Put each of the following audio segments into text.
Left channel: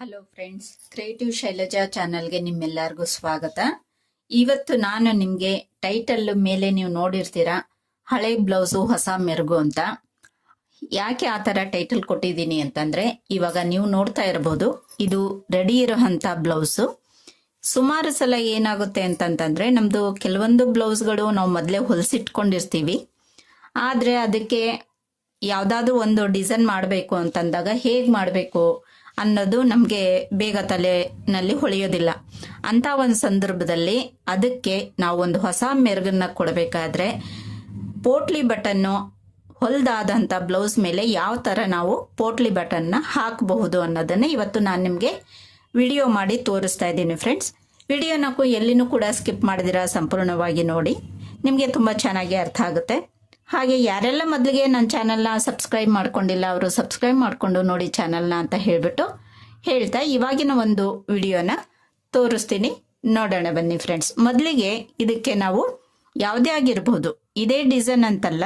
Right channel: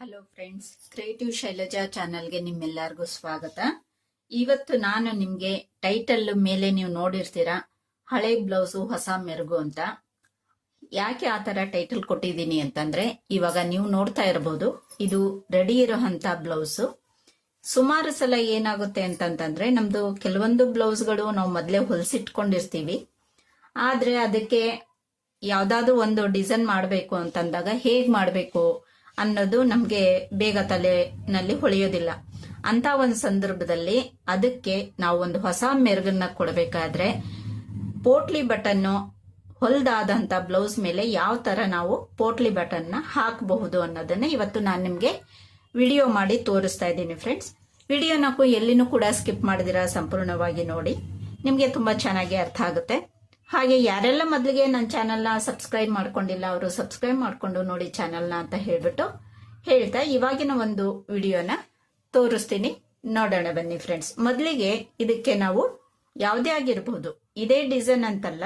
Hello friends creative Shailaja ಚಾನಲ್ಗೆ ನಿಮ್ಮೆಲ್ಲರಿಗೂ ಸ್ವಾಗತ. ಇವತ್ತು ನಾನು ನಿಮಗೆ ಟೈಟಲ್ ಮೇಲೆ ನೀವು ನೋಡಿರ್ತೀರಾ, ಹಳೆ ಬ್ಲೌಸು ಹೊಸ ಮೆರುಗು ಅಂತ. ಯಾಕೆ ಆ ಥರ ಟೈಟಲ್ ಕೊಟ್ಟಿದ್ದೀನಿ ಅಂತಂದರೆ, ಇವಾಗ ನೀವು ನೋಡ್ತಾ ಇರ್ಬೋದು, ಇದು ರೆಡಿ ಇರೋಂಥ ಬ್ಲೌಸು ಸುಮಾರು ಸಲ ಏನಾಗುತ್ತೆ ಅಂತಂತಂದರೆ ನಮ್ಮದು ಕೆಲವೊಂದು ಬ್ಲೌಸ್ಗಳು ನಾವು ಮೊದಲೇ ಹೊಲಿಸಿಟ್ಕೊಂಡಿರ್ತೀವಿ. ಆದರೆ ಅದಕ್ಕೆ ಯಾವುದಾದ್ರೂ ಒಂದು ಡಿಸೈನ್ ಮಾಡಬೇಕು ಅಂತಂದಾಗ ಹೇಗೆ ಮಾಡಬೇಕು? ಅನ್ನೋದು ನಮಗೆ ಬೇಗ ತಲೆನಲ್ಲಿ ಹೊಳೆಯೋದಿಲ್ಲ. ಅಂತ ಒಂದು ಸಂದರ್ಭದಲ್ಲಿ ಅದಕ್ಕೆ ನಾವು ಒಂದು ಹೊಸ ಮೆರುಗನ್ನ ಕೊಡಬೇಕಾದ್ರೆ ಪೋಟ್ಲಿ ಬಟನ್ನು ಹೊಲ್ದಾದಂಥ ಬ್ಲೌಸ್ ಮೇಲೆ ಯಾವ ತರ ನಾವು ಪೋಟ್ಲಿ ಬಟನ್ನ ಹಾಕಬಹುದು ಅನ್ನೋದನ್ನ ಇವತ್ತು ನಾನು ನಿಮಗೆ ವಿಡಿಯೋ ಮಾಡಿ ತೋರಿಸ್ತಾ ಇದ್ದೀನಿ ಫ್ರೆಂಡ್ಸ್ ವಿಡಿಯೋನಕ್ಕೂ ಎಲ್ಲಿನೂ ಕೂಡ ಸ್ಕಿಪ್ ಮಾಡಿದಿರ ಸಂಪೂರ್ಣವಾಗಿ ನೋಡಿ. ನಿಮಗೆ ತುಂಬಾ ಚೆನ್ನಾಗಿ ಅರ್ಥ ಆಗುತ್ತೆ. ಹಾಗೆ ಯಾರೆಲ್ಲ ಮೊದಲಿಗೆ ನನ್ನ ಚಾನಲ್ನ ಸಬ್ಸ್ಕ್ರೈಬ್ ಮಾಡ್ಕೊಂಡಿಲ್ಲ, ಅವರು ಸಬ್ಸ್ಕ್ರೈಬ್ ಮಾಡಿಕೊಂಡು ನೋಡಿ ಚಾನಲ್ನ ಅಂತ ಹೇಳಿಬಿಟ್ಟು ಹೇಳ್ತಾ ಇವಾಗಿನ ಒಂದು ವಿಡಿಯೋನ ತೋರಿಸ್ತೀನಿ. ನೋಡೋಣ ಬನ್ನಿ ಫ್ರೆಂಡ್ಸ್ ಮೊದಲಿಗೆ ಇದಕ್ಕೆ ನಾವು ಯಾವುದೇ ಆಗಿರ್ಬೋದು, ಇದೇ ಡಿಸೈನ್ ಅಂತಲ್ಲ,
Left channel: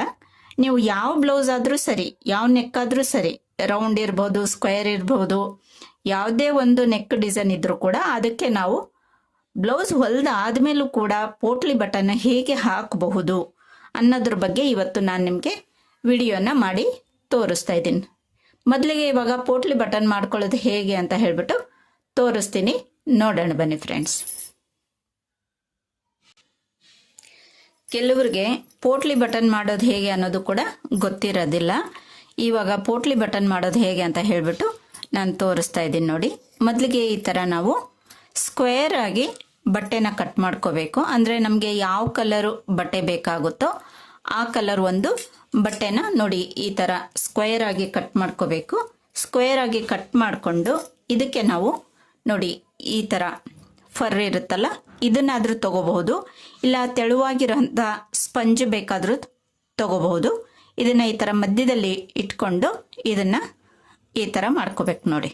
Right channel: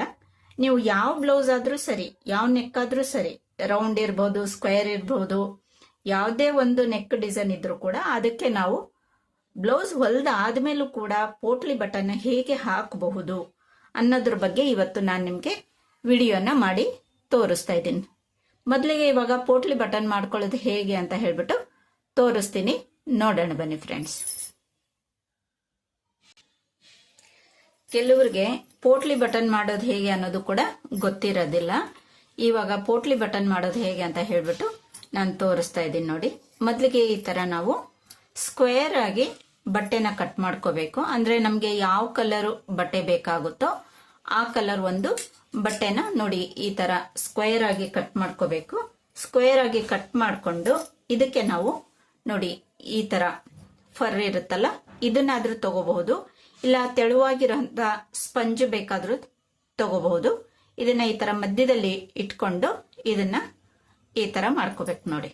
ನೀವು ಯಾವ ಬ್ಲೌಸ್ ಆದರೂ ಸರಿ, ಯಾವ ನೆಕ್ ಆದರೂ ಸರಿ ರೌಂಡ್ ಇರ್ಬೋದು ಸ್ಕ್ವೇರ್ ಇರ್ಬೋದು, ಯಾವುದೇ ಒಂದು ನೆಕ್ ಡಿಸೈನ್ ಇದ್ರೂ ಕೂಡ ಅದಕ್ಕೆ ನಾವು ಬ್ಲೌಸ್ ಹೊಲ್ದ ಆದ್ಮೇಲೂ ಕೂಡ ಪೋಟ್ಲಿ ಬಟನ್ ಹೇಗೆ ಹಾಕಬಹುದು ಅನ್ನೋದ್ರ ಬಗ್ಗೆ ಇವತ್ತು ನಾನು ನಿಮಗೆ ವಿಡಿಯೋನ ಮಾಡಿ ತೋರಿಸ್ತಾ ಇದ್ದೀನಿ. ಮೊದಲಿಗೆ ಇವಾಗ ಪೋಟ್ಲಿ ಬಟನ್ ಮಾಡ್ಕೊಳ್ಳೋದು ಹೇಗೆ ಅಂತ ಹೇಳ್ಬಿಟ್ಟು ತೋರಿಸ್ತೀನಿ. ನೋಡೋಣ ಬನ್ನಿ ಫ್ರೆಂಡ್ಸ್ ಕೆಲವ್ರಿಗೆ ಪೋಟ್ಲಿ ಬಟನ್ ಮಾಡೋದು ಹೇಗೆ ಅನ್ನೋದು ಕೂಡ ಗೊತ್ತಿರೋದಿಲ್ಲ. ಇವಾಗ ಪೋಟ್ಲಿ ಬಟನ್ ಮಾಡೋದು ಹೇಗೆ ಅಂತ ಹೇಳ್ಬಿಟ್ಟು ನಾನು ತೋರಿಸ್ತಾ ಇದ್ದೀನಿ ನೋಡಿ. ಮೊದಲಿಗೆ ಈ ಥರ ನಾವು ಸ್ಕ್ವೇರ್ ಆಗಿ ಬಟ್ಟೆನ ಕಟ್ ಮಾಡ್ಕೋಬೇಕು. ಅಂದ್ರೆ ನಮಗೆ ಯಾವ ಕಲರ್ ಬಟ್ಟೆ ಬೇಕಾಗುತ್ತೋ ಆ ಕಲರ್ ಒಂದು ಬಟ್ಟೆನ ನೋಡಿ ಈ ತರ ಸ್ಕ್ವೇರ್ ಆಗಿ ಕಟ್ ಮಾಡ್ಕೋಬೇಕು. ಸ್ಕ್ವೇರ್ ಆಗಿ ಕಟ್ ಮಾಡಿಕೊಂಡು ಇದಕ್ಕೆ ನಾವು ನೋಡಿ ಈ ತರ ಫರ್ ಇರುತ್ತಲ್ಲ, ಇದನ್ನಾದರೂ ತಗೋಬಹುದು. ಇಲ್ಲ, ತೆಳುವಾಗಿರೋಂಥ ಸ್ಪಂಜ್ ಬೇಕಾದರೂ ತಗೋಬಹುದು. ಇದನ್ನ ಈ ತರ ಮಧ್ಯದಲ್ಲಿ ಇಟ್ಕೊಂಡು ಇದನ್ನ ಈ ತರ ಮಾಡ್ಕೋಬೇಕು ನೋಡಿ.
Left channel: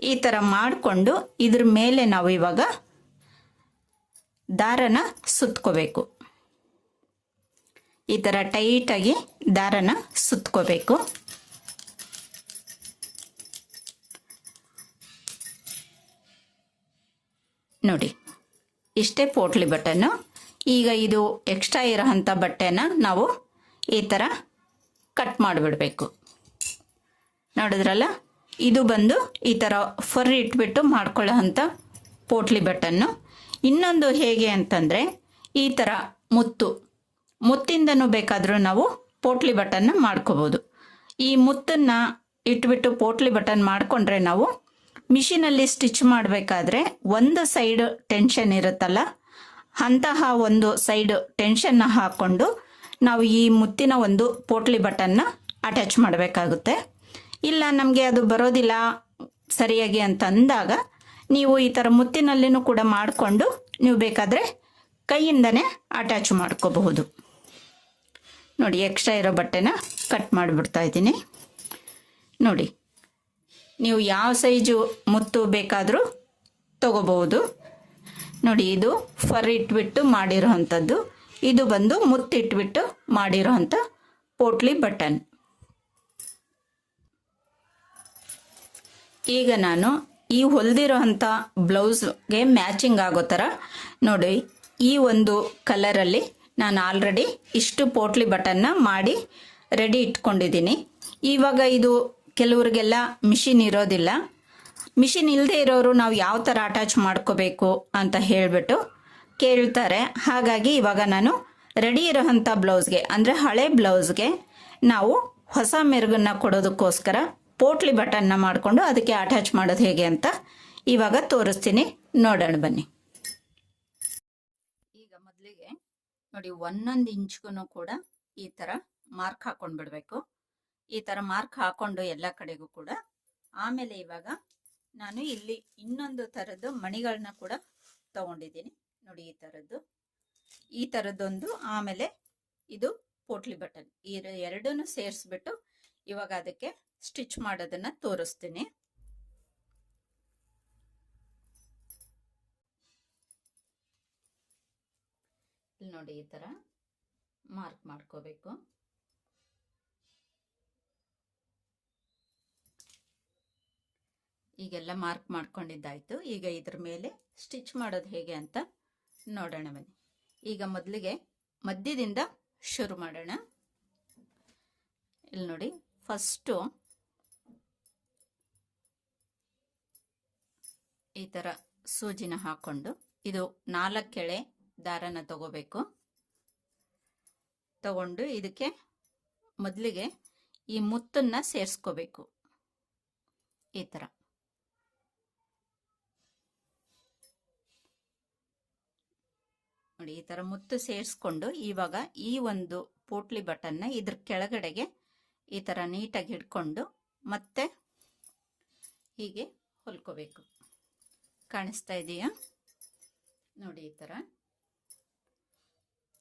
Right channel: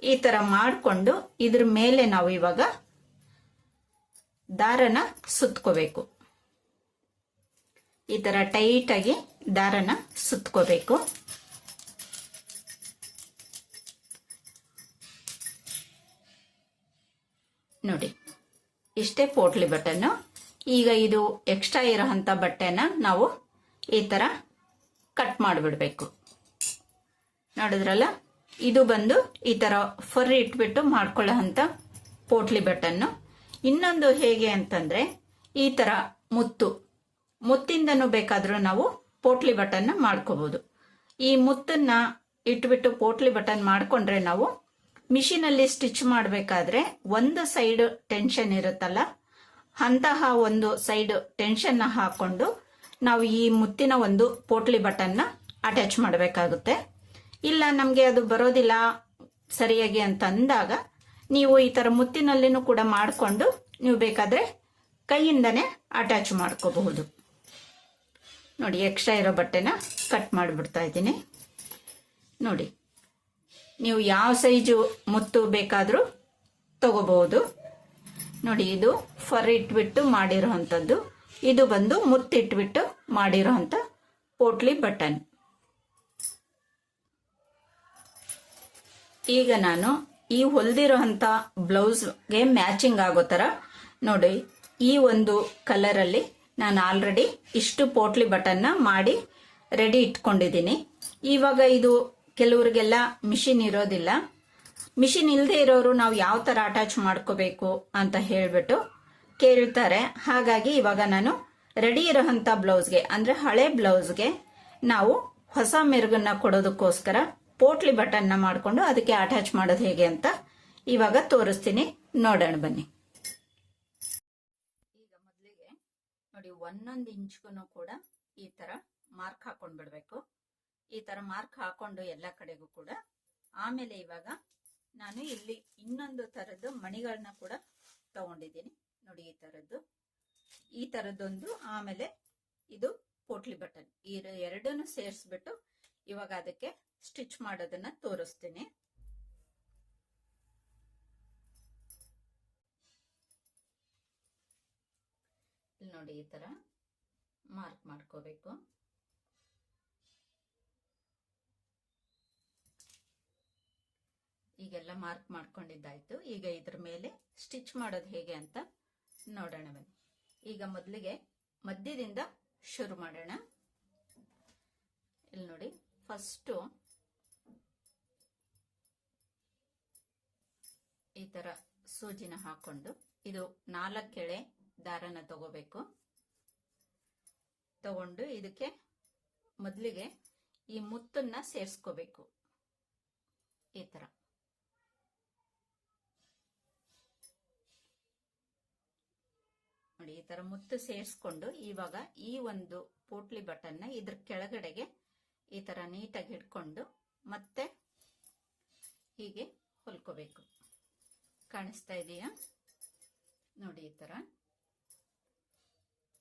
ಈ ತರ ಮಾಡಿಕೊಂಡು ಇದ್ರ ಮೇಲೆ ನಾವು ಇವಾಗ ದಾರನ ಸುತ್ಕೋಬೇಕು. ಈ ತರ ಟೈಟ್ ಆಗಿ ದಾರನ ಸುತ್ಕೋಬೇಕು. ನೋಡಿ, ಇಷ್ಟೇ ಪೋಟ್ಲಿ ಬಟನ್ ಈಗ ಇದು ಎಕ್ಸ್ಟ್ರಾ ಇರೋಂಥ ಬಟ್ಟೆನ ನಾವು ಈ ತರ ಕಟ್ ಮಾಡಿಬಿಡ್ಬೇಕು. ನೋಡಿದ್ರಲ್ಲ, ಇದು ಬಂದು ಈ ತರ ಫರ್ ಇಟ್ಬಿಟ್ಟು ಮಾಡ್ಕೊಳ್ಳೋ ಅಂಥ ಪೋಟ್ಲಿ ಬಟನ್ನು ಇನ್ನೊಂದು ಹೇಗೆ ಅಂತಂದ್ರೆ ಈ ತರ ಮುತ್ತು. ಮುತ್ತಿಂದನೂ ಬೇಕಾದರೂ ನಾವು ಪೋಟ್ಲಿ ಬಟನ್ ಮಾಡ್ಕೋಬಹುದು ಈ ಮುತ್ತನ್ನು ಇಟ್ಬಿಟ್ಟು ಪೋಟ್ಲಿ ಬಟನ್ ಮಾಡ್ಕೊಂಡ್ರೆ ನಾವು ಮಿಷಿನಲ್ಲಿ ಸ್ಟಿಚ್ ಮಾಡಬೇಕಾದ್ರೆ ಒಂದು ಸೈಡ್ ಟೆನ್ಷನ್ ಇರುತ್ತಲ್ಲ, ಅಂತಹ ಒಂದು ಸೈಡ್ ಟೆನ್ಷನ್ ಹಾಕ್ಕೊಂಡು ನಾವು ಈ ಮುತ್ತಿನ ಒಂದು ಪೋಟ್ಲಿ ಬಟನ್ನ ಅಟ್ಯಾಚ್ ಮಾಡಬೇಕಾಗುತ್ತೆ. ಇಲ್ಲ ನಮಗೆ ಅದು ಬರೋದಿಲ್ಲ ಸರಿಯಾಗಿ ಅಂತ ಅಂದಾಗ ನೀವು ಈ ತರ ಮುತ್ತಿನಲ್ಲಿನೂ ಕೂಡ ಮಾಡಿಕೊಂಡು ನೀವು ಬೇಕಾದ್ರೆ ಕೈಯಿಂದನೇ ಅಟ್ಯಾಚ್ ಮಾಡ್ಕೋಬಹುದು. ನೋಡಿ ಎಕ್ಸ್ಟ್ರಾ ಇರೋ ಬಟ್ಟೆನ ಕಟ್ ಮಾಡಿಬಿಡ್ತಾ ಇದ್ದೀನಿ. ನೋಡಿ, ನೀವು ಯಾವ ಸೈಜು ಮುತ್ತು ಬೇಕಾದರೂ ತಗೋಬಹುದು. ನೋಡಿ, ಇದು ಫರ್ ಇಟ್ಬಿಟ್ಟು ಮಾಡಿರೋ ಅಂಥದ್ದು ಇದು ಬಂದು ಮುತ್ತಿಟ್ಬಿಟ್ಟು ಮಾಡಿರೋ ಪೋಟ್ಲಿ ಬಟನ್. ಈಗ ನಾನು ಈ ಹೊಲ್ದಿರೋಂಥ ಬ್ಲೌಸ್ಗೆ ಮ್ಯಾಚಿಂಗ್ ಆಗೋ ಥರ ನೋಡಿ, ಈ ಒಂದು ಕಲರಲ್ಲಿ ನಾನು ಆಲ್ರೆಡಿ ಇಷ್ಟು ಪೋಟ್ಲಿ ಬಟನ್ನ ಮಾಡಿ ರೆಡಿ ಇಟ್ಕೊಂಡಿದ್ದೀನಿ. ಇವಾಗ ಇದು ಕೆಲವರಿಗೆಲ್ಲ ಮಿಷಿನ್ ಇರೋದಿಲ್ಲ. ಮಿಷಿನ್ ಇಲ್ಲದೆ ಇರೋರು ನಾವು ಯಾವ ಥರ ಅಟ್ಯಾಚ್ ಮಾಡ್ಕೋಬೇಕು ಅಂತ ಹೇಳಿಬಿಟ್ಟು ಕೇಳ್ತಾರೆ. ಹಾಗಾಗಿ ಇವಾಗ ನಾನು ರೆಡಿ ಇರೋಂಥ ಬ್ಲೌಸ್ಗೆ ಅಂದರೆ ಹಳೆ ಬ್ಲೌಸ್ಗೆ ನಾವು ಹೊಸ ಮೆರುಗನ್ನ ಕೊಡೋದಕ್ಕೋಸ್ಕರ ಪೋಟ್ಲಿ ಬಟನ್ನ ಮಾಡಿಕೊಂಡು ಅದಕ್ಕೆ ಅಟ್ಯಾಚ್ ಮಾಡೋದು ಹೇಗೆ ಅಂತ ಇವಾಗ ತೋರಿಸ್ತೀನಿ. ನೋಡೋಣ ಬನ್ನಿ. ಈಗ ಮೊದಲಿಗೆ ನೋಡಿ ಒಂದೊಂದು ಇಂಚ್ಗೂ ಕೂಡ ಈ ಥರ ಮಾರ್ಕ್ ಹಾಕೊಂಡು ಬಿಡಬೇಕು. ಈ ಥರ ಮಾರ್ಕ್ ಹಾಕೊಂಡು ಎಲ್ಲ ಕಡೆಗೂ ಕೂಡ. ಆಮೇಲೆ ಇವಾಗ ನಾನು ಇಲ್ಲಿ ಇನ್ನೊಂದು ಥರದ್ದು ಮಣಿಗಳನ್ನ ಕೂಡ ತಗೊಂಡಿದ್ದೀನಿ. ನೋಡಿ ಈ ಥರದ್ದು ಈ ಥರದ್ದೊಂದು ಆಮೇಲೆ ಇದು ಪೋಟ್ಲಿ ಬಟನ್. ಈ ಎರಡನ್ನು ಸೇರಿಸ್ಬಿಟ್ಟು ಇವಾಗ ಅದಕ್ಕೆ ಸ್ಟಿಚ್ ಮಾಡೋದನ್ನ ತೋರಿಸ್ತೀನಿ. ಇಲ್ಲಿ ನೋಡಿ ಈ ಥರ ಮಾರ್ಕ್ ಮಾಡ್ಕೋಬೇಕು. ಈಗೆಲ್ಲ ಮಾರ್ಕ್ ಮಾಡ್ಕೊಂಡಿದ್ದಾಯ್ತು. ಈಗ ಇದ್ರ ಮೇಲೆ ಸ್ಟಿಚ್ ಮಾಡೋದು ಹೇಗೆ ಅಂತ ನೋಡೋಣ ಬನ್ನಿ. ಈಗ ಮೊದಲಿಗೆ ಮಧ್ಯದಿಂದ ಶುರು ಮಾಡೋಣ. ಇಲ್ಲಿ ನೋಡಿ ಫಸ್ಟು ಈ ಥರ ಸೂಜಿನ ಹಾಕೊಂಡು ಇದು ನಾಲ್ಕು ಎಳೆ ದಾರನ ತಗೋಬೇಕು. ತಗೊಂಡು ಇದಕ್ಕೆ ಮೊದಲಿಗೆ ಈ ಮುತ್ತನ್ನ ಸೇರಿಸ್ಕೋಬೇಕು. ಈ ಥರ ನೋಡಿ, ಈ ಥರ ಮುತ್ತು ಸೇರಿಸ್ಕೊಂಡು ಇವಾಗ ಈ ಒಂದು ಪೋಟ್ಲಿ ಬಟನ್ನ ಇದ್ರ ಕೆಳಗಡೆಗೆ ಈ ಥರ ನೀಟಾಗಿ ಹಿಡ್ಕೊಂಡು ಮತ್ತೆ ಹೀಗೆ ಹೊಲ್ಕೋಬೇಕು. ಕಾಣಿಸ್ತಾ ಇದೆಯಾ? ನೋಡಿ ಈ ಥರ.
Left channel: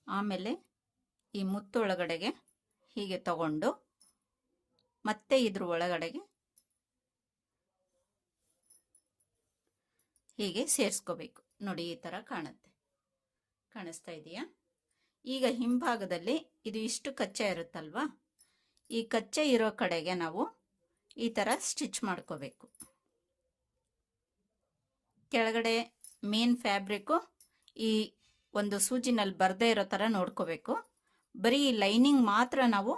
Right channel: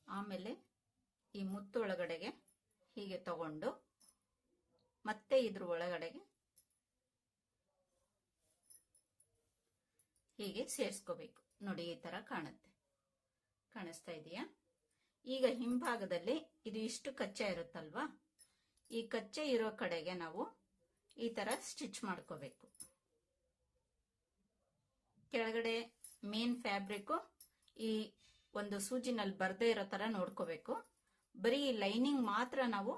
ಆಮೇಲೆ ಈ ಮುತ್ತು ಒಳಗಡೆಗೆ ಹೀಗೆ ತಗೊಂಡು ಮತ್ತೆ ಇದ್ರ ಒಳಗಡೆಗೆ ಹೀಗೆ ಸೇರಿಸ್ಕೋಬೇಕು. ನೋಡಿ ಈ ಥರ ಕಾಣುತ್ತೆ. ಕಾಣಿಸ್ತಾ ಇದೆಯಾ? ಈಗ ಹಿಂಭಾಗದಲ್ಲಿ ಇದು ಇಷ್ಟು ಕಚ್ಚೆ ಇರುತ್ತಲ್ವಾ? ಈ ಕಚ್ಚೆ ಇರೋ ಕಡೆಗೆ ನಾವು ಈ ಥರ ಸ್ಟಿಚ್ ಮಾಡ್ಕೋಬೇಕು. ಕೆಳಗಡೆ ಮೇನ್ ಫ್ಯಾಬ್ರಿಕ್ಕು ಈ ಒಂದು ಸೂಜಿನಲ್ಲಿ ಬರದೇ ಇರೋ ಥರ ನೋಡ್ಕೋಬೇಕು. ಬರೀ ಲೈನಿಂಗ್ ಮಾತ್ರ ನಾವು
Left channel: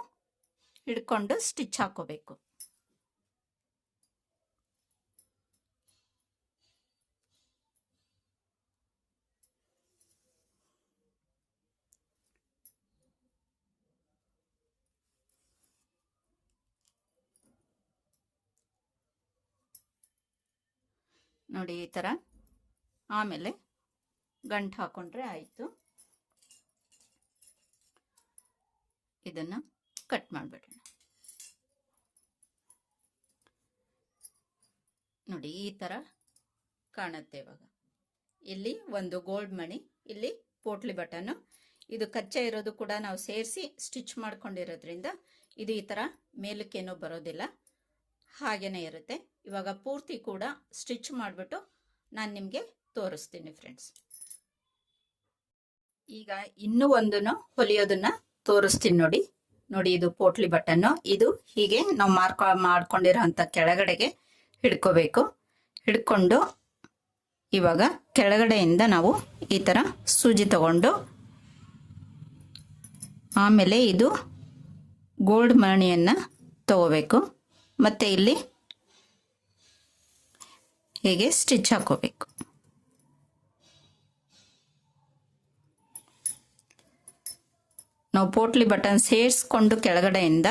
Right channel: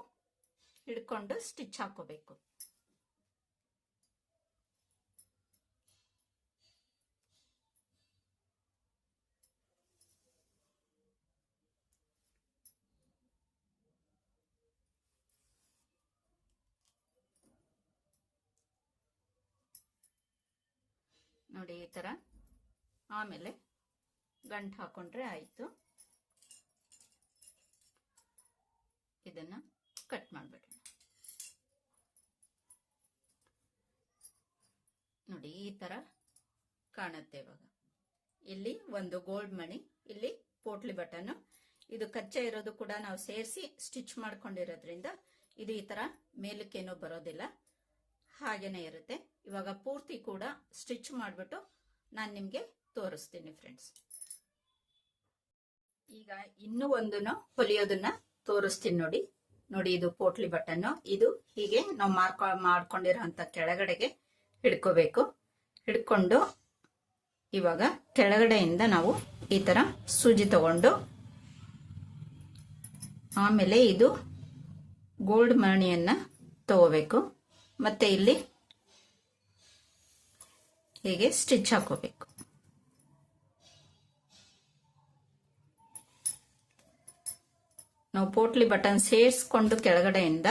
ಹಿಡ್ಕೊಂಡು ಸ್ಟಿಚ್ ಹಾಕೋಬೇಕು. ನೋಡಿ ಈ ಥರ ಆಮೇಲೆ ಗಂಟು ಹಾಕೊಂಡ್ರೆ ಆಯಿತು. ಇದನ್ನು ಕಟ್ ಮಾಡಿಬಿಡೋಣ. ನೋಡಿ ಈ ಥರ ಕಾಣುತ್ತೆ ಇವಾಗ. ಇಲ್ಲಿ ಒಂದು ಗೋಲ್ಡ್ ಮಣಿ, ಇಲ್ಲಿ ಪೋಟ್ಲಿ ಬಟನ್ನು. ಇದು ಕಚ್ಚೆ ಇರೋದು ಕೂಡ ನಾವು ಸೇರಿಸಿ ಸ್ಟಿಚ್ ಮಾಡ್ಕೊಂಡಿರೋದ್ರಿಂದ ಇದು ಈ ಥರ ಮೇಲಕ್ಕೇನೂ ಬರೋದಿಲ್ಲ. ಹಾಗೇನೇ ಇರುತ್ತೆ. ಇವಾಗ ಪೂರ್ತಿ ಕೂಡ ಸ್ಟಿಚ್ ಮಾಡಿಬಿಟ್ಟು ನಾನು ನಿಮಗೆ ತೋರಿಸ್ತೀನಿ ಫ್ರೆಂಡ್ಸ್ ಈಗ ಇನ್ನೂ ಒಂದನ್ನು ಹೊಲಿಯೋದನ್ನ ತೋರಿಸ್ತೀನಿ ನೋಡಿ. ನೋಡಿ ಇದು ಪೋಟ್ಲಿ ಬಟನ್ನು ಇದು ಹೀಗೆ ನಾವು ಮಾರ್ಕ ಮಾಡ್ಕೊಂಡಿರೋ ಅಂಥ ಕೆಳಗಡೆಗೆ ಹಿಡ್ಕೋಬೇಕು. ಹಿಡ್ಕೊಂಡು ಇವಾಗ ಕೆಳಗಡೆಯಿಂದ ನಾವು ಈ ಥರ ಸೂಜಿ ತಗೊಂಡು ಆಮೇಲೆ ಇದು ಗೋಲ್ಡ್ ಮಣಿಯನ್ನು ತಗೋಬೇಕು. ಮತ್ತೆ ಇಲ್ಲಿ ಹೀಗೆ ಸ್ಟಿಚ್ ಹಾಕೋಬೇಕು? ನಾವು ಪೋಟ್ಲಿ ಬಟನ್ ಸೇರಿಸ್ಕೊಂಡು ಕೆಳಗಡೆಯಿಂದ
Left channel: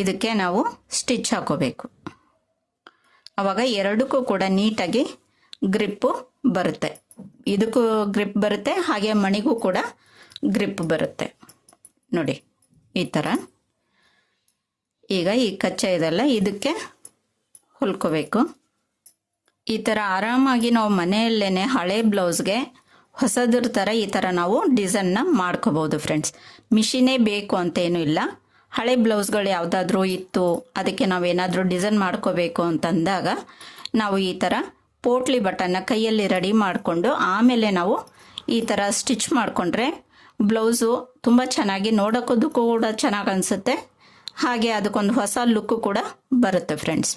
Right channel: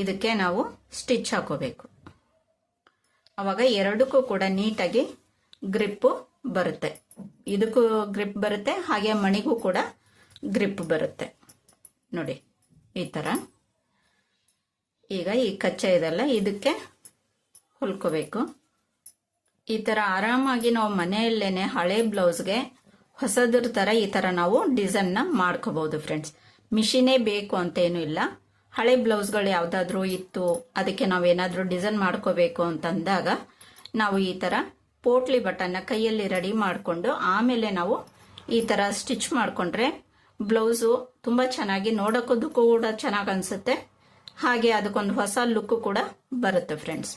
ಇದಕ್ಕೆ ನಾವು ಸ್ಟಿಚ್ ಹಾಕೋಬೇಕು. ಆವಾಗ ಎರಡಕ್ಕೂ ಕೂಡ ನೀಟಾಗಿ ಗ್ರಿಪ್ಪು ಬರುತ್ತೆ. ಇದಕ್ಕೂ ಗ್ರಿಪ್ ಬರುತ್ತೆ, ಹಾಗೆ ಮಣಿಗೂ ಕೂಡ ಗ್ರಿಪ್ ಬರುತ್ತೆ. ನೋಡಿ, ಈ ಥರ ಈಗ ಈ ಕಚ್ಚೆ ಇದೆಲ್ಲ ಇದಕ್ಕೆ ಹೊಲ್ಕೋಬೇಕು. ಈ ಥರ ಆರಾಮಾಗಿ ನಾವು ಮನೆಯಲ್ಲೇ ಹಳೆ ಬ್ಲೌಸ್ಗೆ ಹೊಸದ್ರ ಥರ ಈ ಥರ ನಾವು ಡಿಸೈನ್ನ ಮಾಡ್ಕೋಬಹುದು ಫ್ರೆಂಡ್ಸ್. ಮಿಷಿನೇ ಬೇಕು ಅಂತ ಏನೂ ಇಲ್ಲ. ಹಳೆ ಬ್ಲೌಸ್ಗಳು ಯಾವುದಾದ್ರೂ ಇತ್ತು, ಅದಕ್ಕೆ ನಾವೇನಾದರೂ ಡಿಸೈನ್ ಮಾಡ್ಕೋಬೇಕು ಅಂತಂದಾಗ ನಾವು ಈ ಥರ ಪೋಟ್ಲಿ ಬಟನ್ನ ಕೈಯಲ್ಲಿ ರೆಡಿ ಮಾಡಿಕೊಂಡು ಆಮೇಲೆ ನಾವು ಈ ಥರ ಸ್ಟಿಚ್ ಮಾಡಿಕೊಂಡ್ರೆ ಬ್ಲೌಸು ತುಂಬ ಚೆನ್ನಾಗಿ ನೋಡೋಕೋದಕ್ಕೂ ಕೂಡ ಚೆನ್ನಾಗಿ ಅನಿಸುತ್ತೆ. ಹಾಗೆ ಅದಕ್ಕೊಂದು ಹೊಸ ಲುಕ್ ಕೂಡ ಬರುತ್ತೆ ಫ್ರೆಂಡ್ಸ್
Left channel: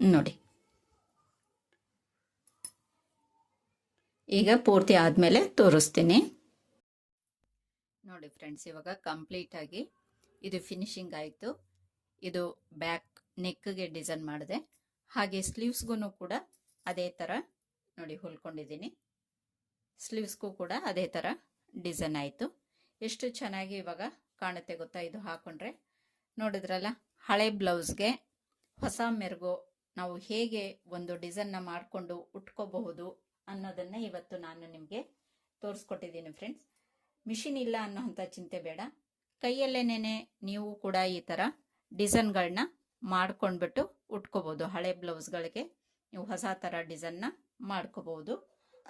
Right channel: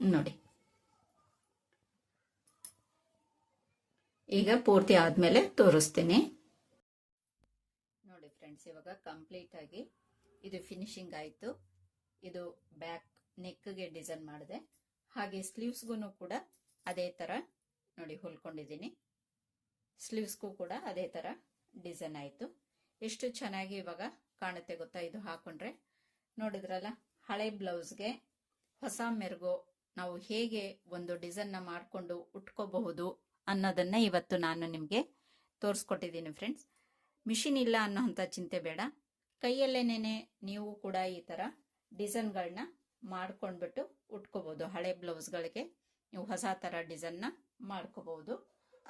ನೋಡಿ. ಈಗ ಪೂರ್ತಿ ಆದಮೇಲೆ ತೋರಿಸ್ತೀನಿ. ನೋಡಿ ಫ್ರೆಂಡ್ಸ್ ಇವಾಗ ಕಂಪ್ಲೀಟ್ ಆಗಿ ಇದು ಫಿನಿಶಿಂಗ್ ಆಯಿತು. ಇದು ಬ್ಯಾಕ್ ನೆಕ್ಗೆ ಡಿಸೈನ್ ಮಾಡಿದೆ. ಹಾಗೆ ಸ್ಲೀವ್ಸ್ಗೂ ಕೂಡ ಅದೇ ಥರ ನೋಡಿ ಹೊಲ್ಕೊಂಡಿದ್ದೀನಿ. ಸ್ಲೀವ್ಸ್ಗೂ ಕೂಡ ಅದೇ ಥರ ಡಿಸೈನ್ ಆಯಿತು. ಎಷ್ಟು ಚೆನ್ನಾಗಿ ಇವಾಗ ಕಾಣುತ್ತೆ ಗೊತ್ತಾ ಇದು ಹಾಕೊಂಡ್ರೆ? ನೋಡಿದ್ರಲ್ಲ, ಹಳೆ ಬ್ಲೌಸ್ಗೆ ಹೊಸ ಮೆರುಗು ನಾವು ಹೇಗೆ ಒಂದು ಡಿಸೈನ್ನ ಮಾಡಿಕೊಂಡು ಉಟ್ಕೋಬಹುದು ಅನ್ನೋದನ್ನ ಇವತ್ತು ನಾನು ನಿಮಗೆ ತೋರಿಸ್ಕೊಟ್ಟಿದ್ದೀನಿ ಫ್ರೆಂಡ್ಸ್ ಮಿಷಿನ್ ಇಲ್ಲ ಅನ್ನೋ ಚಿಂತೆ ಬೇಡ. ಕೈಯಲ್ಲೇನೇ ನೀವು ಕೂಡ ಈ ಥರ ಡಿಸೈನ್ಗಳನ್ನ ಮಾಡ್ಕೊಂಡ್ಬಿಟ್ಟು ಉಟ್ಕೋಬೋದು. ಹಳೆ ಬ್ಲೌಸ್ಗಳಿಗೆ ನೀವು ಹೊಸ ಥರ ಡಿಸೈನ್ನ ಮಾಡ್ಕೋಬೋದು.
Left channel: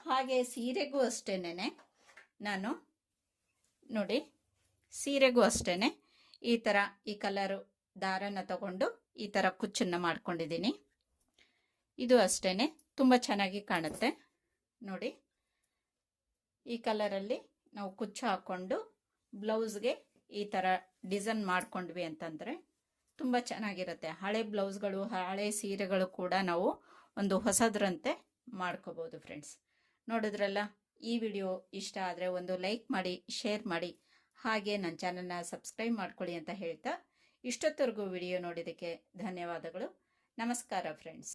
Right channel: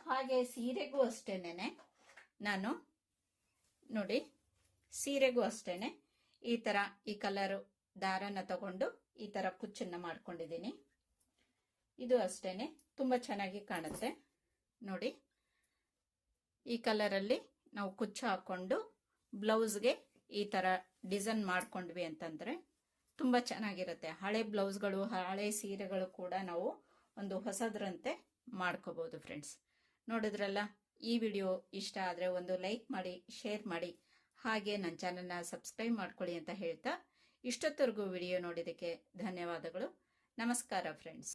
ಹಾಗೆ ಸೀರೆಗೂ ಅಷ್ಟೇನೆ ನಾನು ನೋಡಿ ಸೀರೆಗೂ ಅಷ್ಟೇನೆ ಈ ಥರ ಈ ಕಲರು ದಾರನ ತಗೊಂಡು ಈ ಥರ ಕುಚ್ಚನ್ನು ಮಾಡ್ಕೊಂಡಿದ್ದೀನಿ. ಇದು ಅಷ್ಟೇನೆ ತುಂಬ ಚೆನ್ನಾಗಿ ಕಾಣುತ್ತೆ. ನೋಡಿ ಈ ಕಲರಲ್ಲಿ ನಾವು ಕುಚ್ಚು ಹಾಕೊಂಡು ಬ್ಲೌಸ್ಗೆ ಈ ಥರ ಡಿಸೈನ್ ಮಾಡ್ಕೊಂಡ್ವಿ ಅಂತಂದರೆ ತುಂಬ ಚೆನ್ನಾಗಿರುತ್ತೆ. ಹಳೆ ಬ್ಲೌಸ್ಗಳು, ಹಳೆ ಸೀರೆಗಳು ಕೂಡ ನಾವು ಒಂದು ಹೊಸದ್ರಂತೆ ಮಾಡ್ಕೋಬೋದು ಫ್ರೆಂಡ್ಸ್. ನೋಡಿದ್ರಲ್ಲ, ಈ ವಿಡಿಯೋ ಇಷ್ಟ ಆದರೆ ಒಂದು ಲೈಕ್ ಮಾಡಿ, ಶೇರ್ ಮಾಡಿ. ಹಾಗೆ ನನ್ನ ಚಾನಲ್ನ ಸಬ್ಸ್ಕ್ರೈಬ್ ಮಾಡ್ಕೊಳ್ಳಿ ಅಂತ ಹೇಳ್ತಾ ಇಷ್ಟೊತ್ತವರೆಗೂ ವಿಡಿಯೋ ನೋಡಿದ್ದಕ್ಕೆ ಧನ್ಯವಾದಗಳು. ನಮಸ್ಕಾರ ಫ್ರೆಂಡ್ಸ್.